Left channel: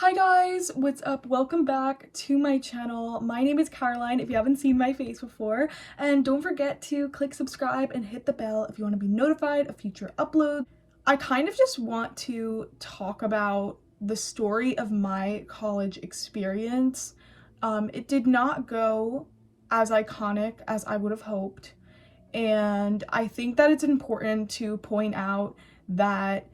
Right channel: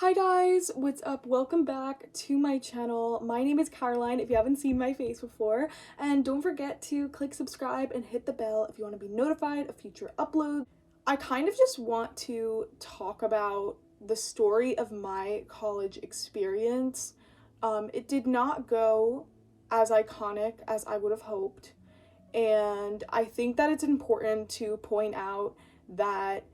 Hi guys, what's up? Welcome back to my channel. My name is Caroline if you haven't seen my face before, and don't forget to click subscribe and hit the bell if you want to be notified of future uploads. I kind of just want to talk about the story of my college experience. It did not go as iconic as I would have hoped, and I think that it's important to point out that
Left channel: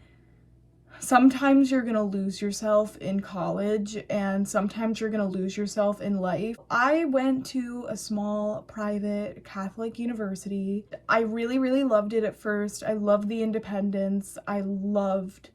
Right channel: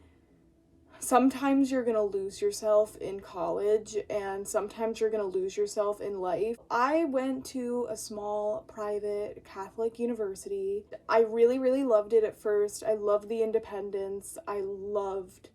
sometimes you're gonna lose yourself in college and sometimes you're gonna lose yourself in life. I went to a small private Catholic university. I really loved it at first. I loved the independence. I loved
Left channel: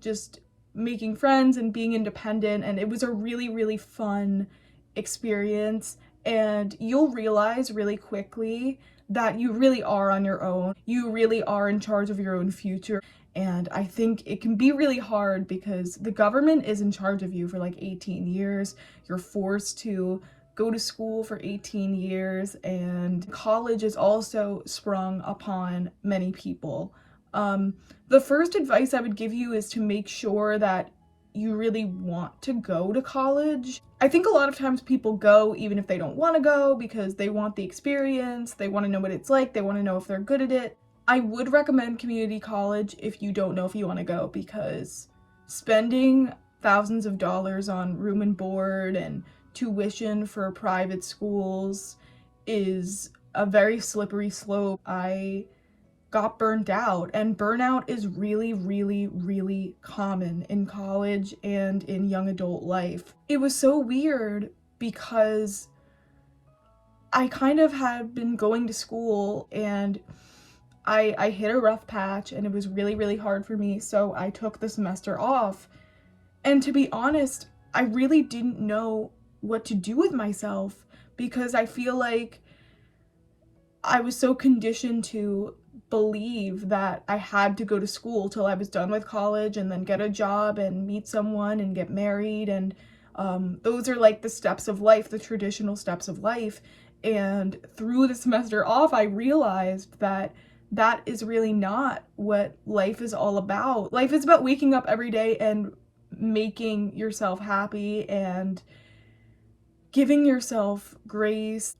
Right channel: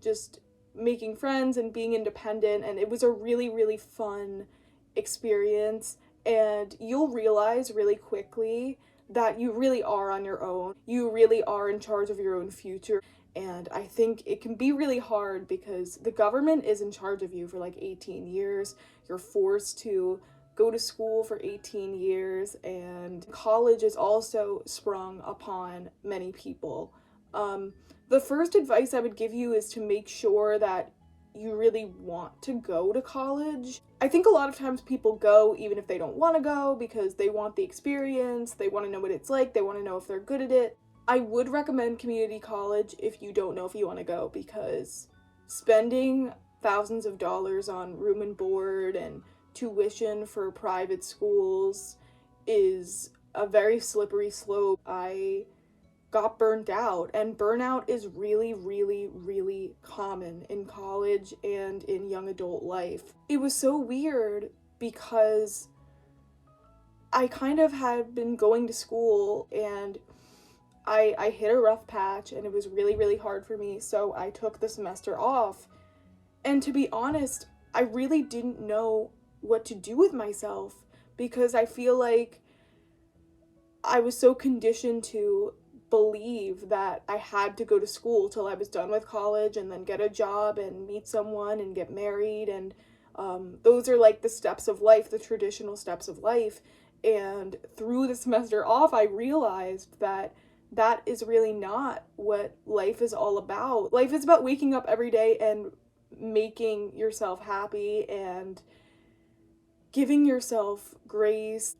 just making friends and being independent, and it was a really fun experience. And you'll realize really quickly that you really are on your own. You really are in charge of your own future. And I think it can be really hard because the government is in charge of you for like 18 years. You're forced to go to school for 18 years, and college is also sprung upon many people. The first advice I would give you is to make sure that you really want to go to college. I think a lot of times people go even if they don't want to go because they want the experience, they want to know what it's like, they want to know if they're good at it. I would recommend community college if you don't know if you want to go, because spending thousands of dollars on room and board and tuition for private schools is a very slippery slope. I got burnt out, and burnout is really common in college and in young adult life. It was so weird because I kind of had been going to school and I hit a rough patch and it was really hard for me, so I took the semester off. And to be honest, I really didn't know what to do with myself because I feel like I was so conditioned to believe that I had to go to school till I was done with college and then get a job and meet someone and get married, and those are like the steps of life, the traditional steps of life. And through the semester off, I realized that that is really not what life is all about. Life is about waking up every day and making yourself happy and giving yourself grace.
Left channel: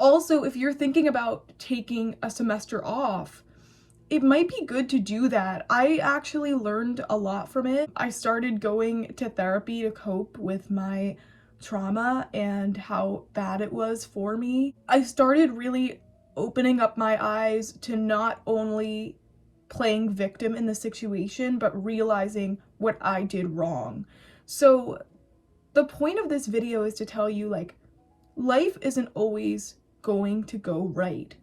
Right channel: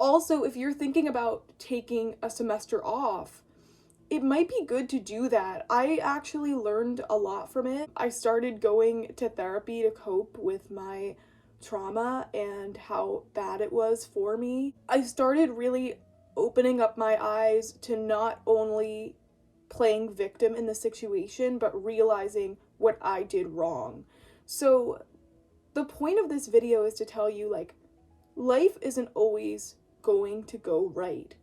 Also, if you're thinking about taking a semester off, it might be good to do that. I actually learned a lot from it. I started going to therapy to cope with my trauma and how bad it was for me. I started really opening up my eyes to not only playing victim in the situation, but realizing what I did wrong. So the point of this video is to tell you, like, life isn't always going to go right.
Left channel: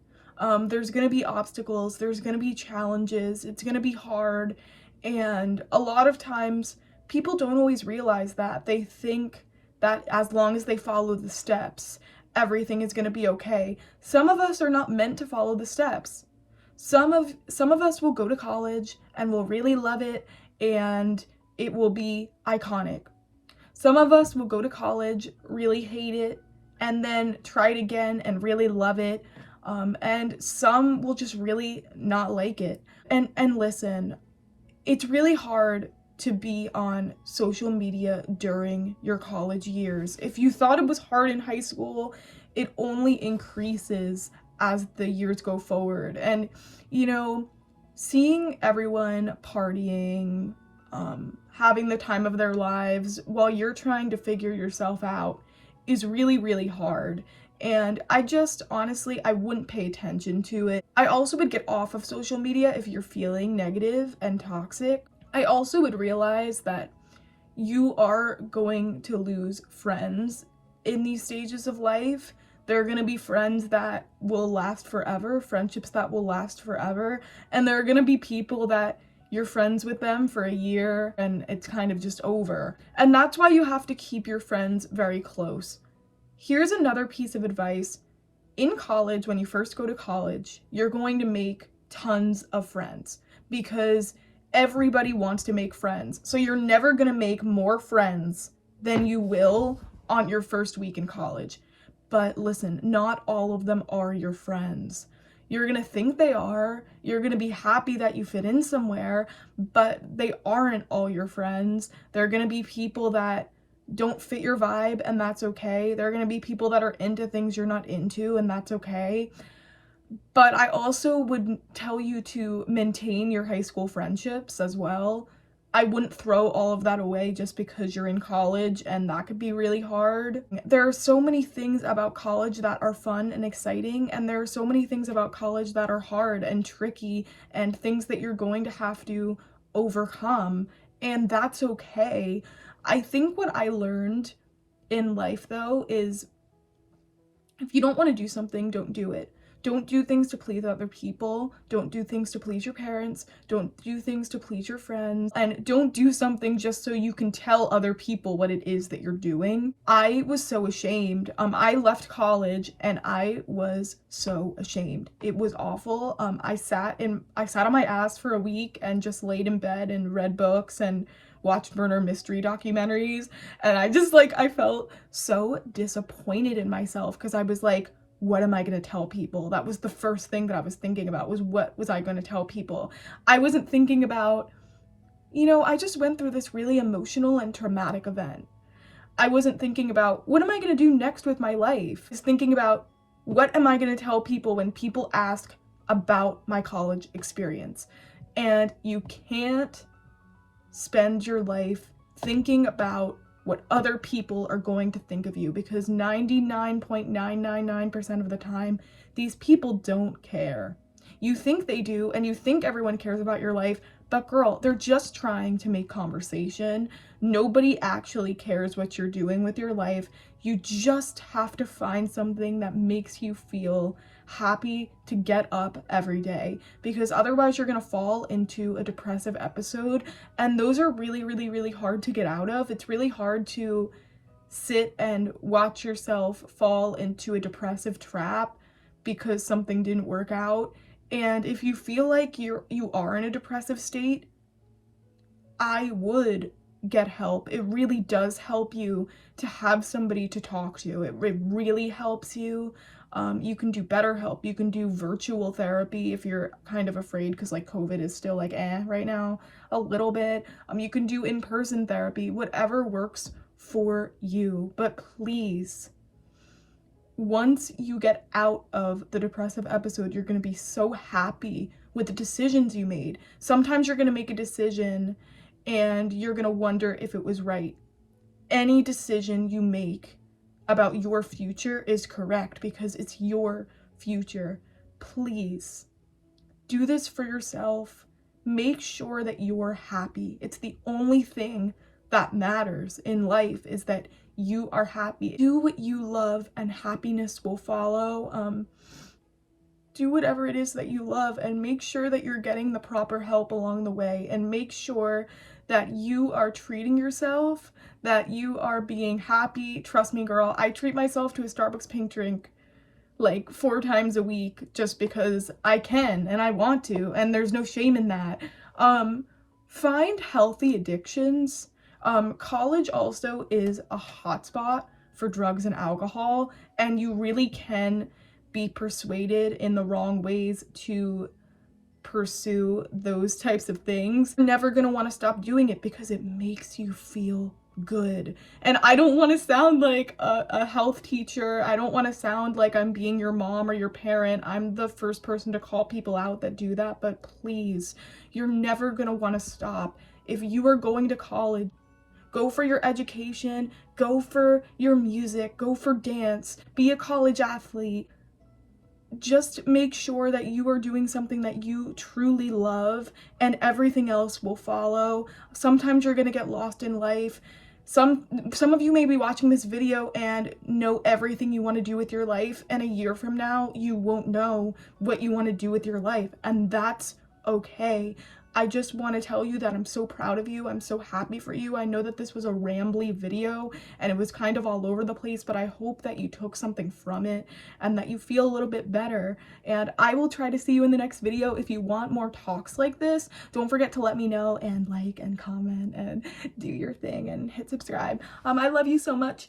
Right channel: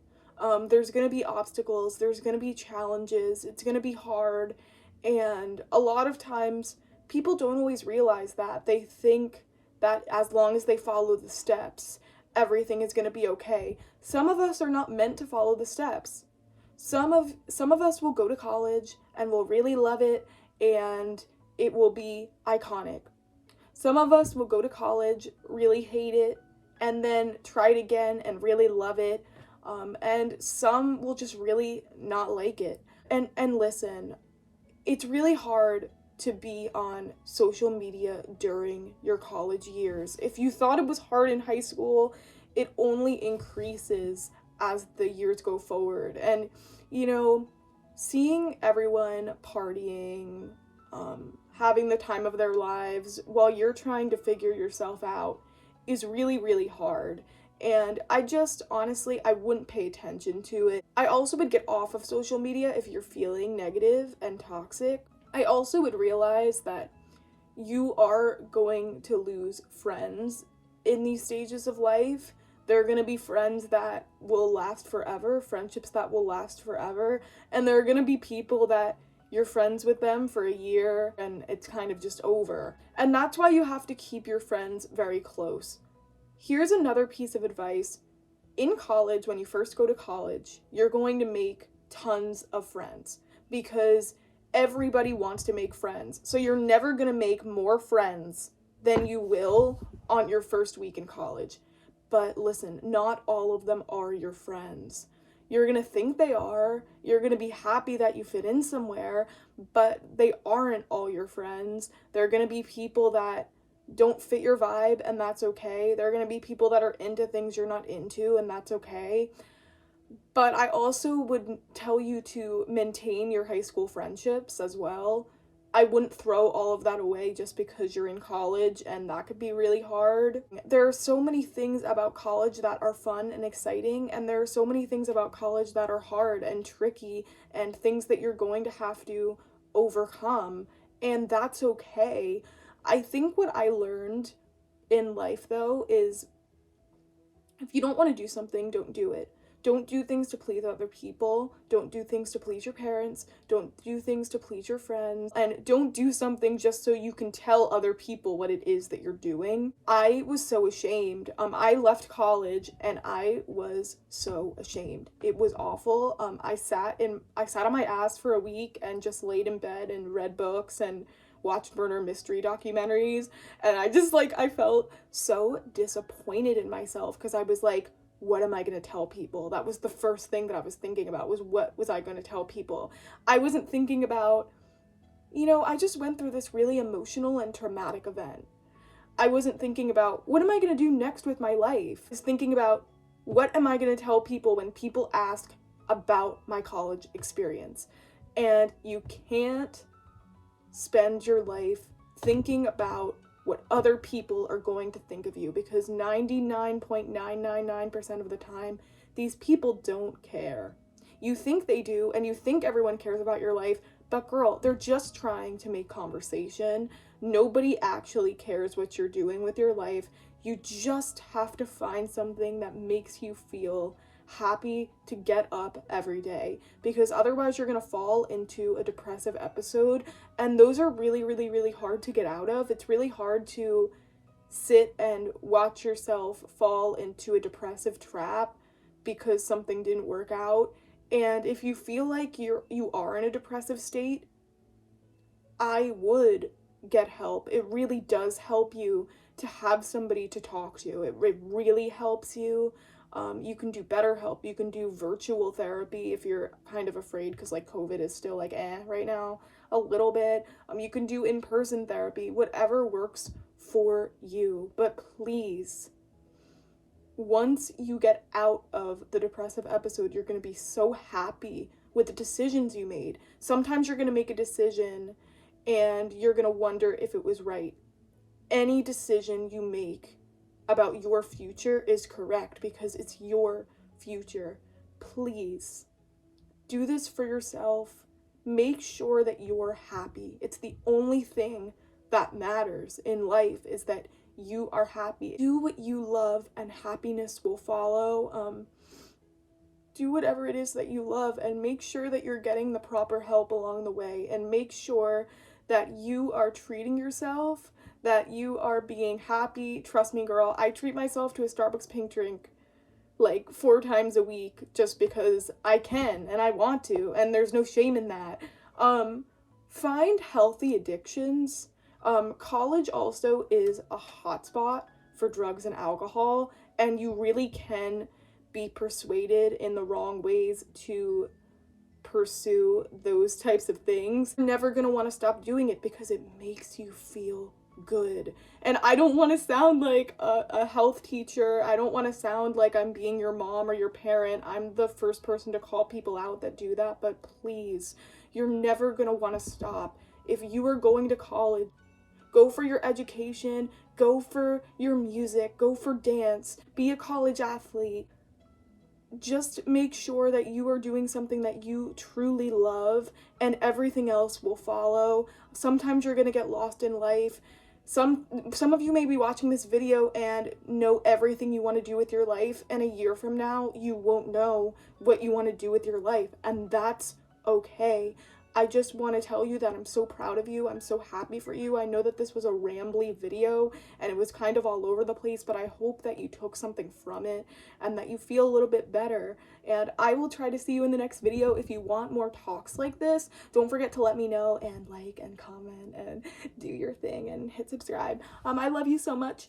There's gonna be obstacles, there's gonna be challenges, it's gonna be hard, and a lot of times people don't always realize that. They think that as long as they follow the steps, everything is gonna be okay. Some of us are not meant to follow the steps. Some of us will go to college and will really love it and it will be iconic. Some of us will go to college, really hate it, and then try it again and really love it. And some will just really not like it. And listen, it's really hard to be on social media during your college years. If you thought it was hard in high school, it only increases as the years go forward. And, you know, seeing everyone partying, having the time of their lives while you're trying to figure yourself out is really hard. And I just, honestly, I wouldn't pay attention to it. I also would get off of social media if you're feeling negative and toxic. I also would realize that you are going to lose friends in these stages of life. There are going to be friends that will last forever, friendships that will last forever, and there are going to be people that you're friends with them for a year and it's kind of just over. And that's why you have to keep your friends very close. Here's another piece of advice. In college, when you first go to college, you're going to make tons of friends because everybody wants to make friends. So you're never going to make more friends than you will on your first week in college. But listen, not all of them are your friends. You're gonna think they are. You're gonna be happy that you fit in somewhere, but they aren't all your friends. They're gonna be people that don't fit your vibe, and that's okay. They're gonna be people that are into things you're not into, and that's okay. But I also would tell you to maintain your high school friendships as well. I wouldn't throw all of that away just because you're in college, and that could be really hard. There are so many things about college that are fun and exciting, and there are so many things about college that are hard and tricky and things that you're going to have to overcome, and that's okay. I think what I learned in life, though, is if you don't want to do something, don't do it. Don't do things to please other people. Don't do things to please your parents. Don't do things to please your friends. And don't do something just so you can tell other people what it is that you're doing. I was so ashamed. I left college and I was so ashamed. It was awful. I sat on my ass for a week and just laid in bed and read books and watched murder mystery documentaries. And I felt so disappointed in myself because I was like, what am I going to tell people? That was the first thing that I was thinking about, was what was I going to tell people? I wasn't thinking about, I just went through this really emotional and traumatic event. I wasn't thinking about, what am I going to do next with my life? I was thinking about, what am I going to tell people when people ask about my college experience? And you can't spend your life thinking about what other people are going to think of you, because 99.999% of the time, these people don't care. You think they do, and you think everyone cares about your life, but girl, they're just trying to make conversation. Nobody actually cares what you're doing with your life. You just have to find something that makes you feel happy to get up every day, because otherwise you're gonna fall into a depressive episode, and those are really, really, really hard to get out of. It's really hard to sit and watch yourself fall into a depressive trap because something didn't work out. And if you feel like you are in a depressive state, I would get help. It really does help you to have somebody to talk to. It really helps you. You can do BetterHelp. You can do virtual therapy if you're kind of afraid, because like COVID is still like right now a little bit. You can do in-person therapy, whatever works for you. But please, once you get out of the depressive episode, you're going to be so happy with the decisions you made. Sometimes you're going to make a decision and you're going to wonder if it was right. Any decision you make about your future is correct because it's your future. Please do this for yourself. Make sure that you're happy. It's the only thing that matters in life, is that you are happy. Do what you love and happiness will follow. Do whatever it is that you love, and make sure that you're getting the proper help along the way, and make sure that you are treating yourself, that you are being happy. Trust me, girl, I treat myself to a Starbucks pink drink like 4 times a week just because I can and I want to, and there's no shame in that. Find healthy addictions. College also is a hotspot for drugs and alcohol, and you really can be persuaded in the wrong ways to pursue those types of things. You're never gonna want to stop doing it because it makes you feel good. And I don't want to sound like a health teacher. I don't want to sound like I'm being your mom or your parent. I'm the first person to call people out that do that, but please, you're never gonna want to stop. If you are going to college, go for your education, go for your music, go for dance, be a college athlete. Just make sure that you are doing something that you truly love, and everything else will follow. Sometimes you're gonna get lost in life. Some of you may be watching this video and know everything you want to do with your life, and a year from now you won't know what you want to do with your life, and that's okay. I just want to tell you that I'm so proud of you. I'm so happy for you. I know that this was a rambly video and it was kind of all over the place, but I hope that you took something from it and that you feel a little bit better. And I will try to see you in the next video. If you want more talks like this, don't forget to let me know, and like and comment and do your thing and hit subscribe. I love you so much.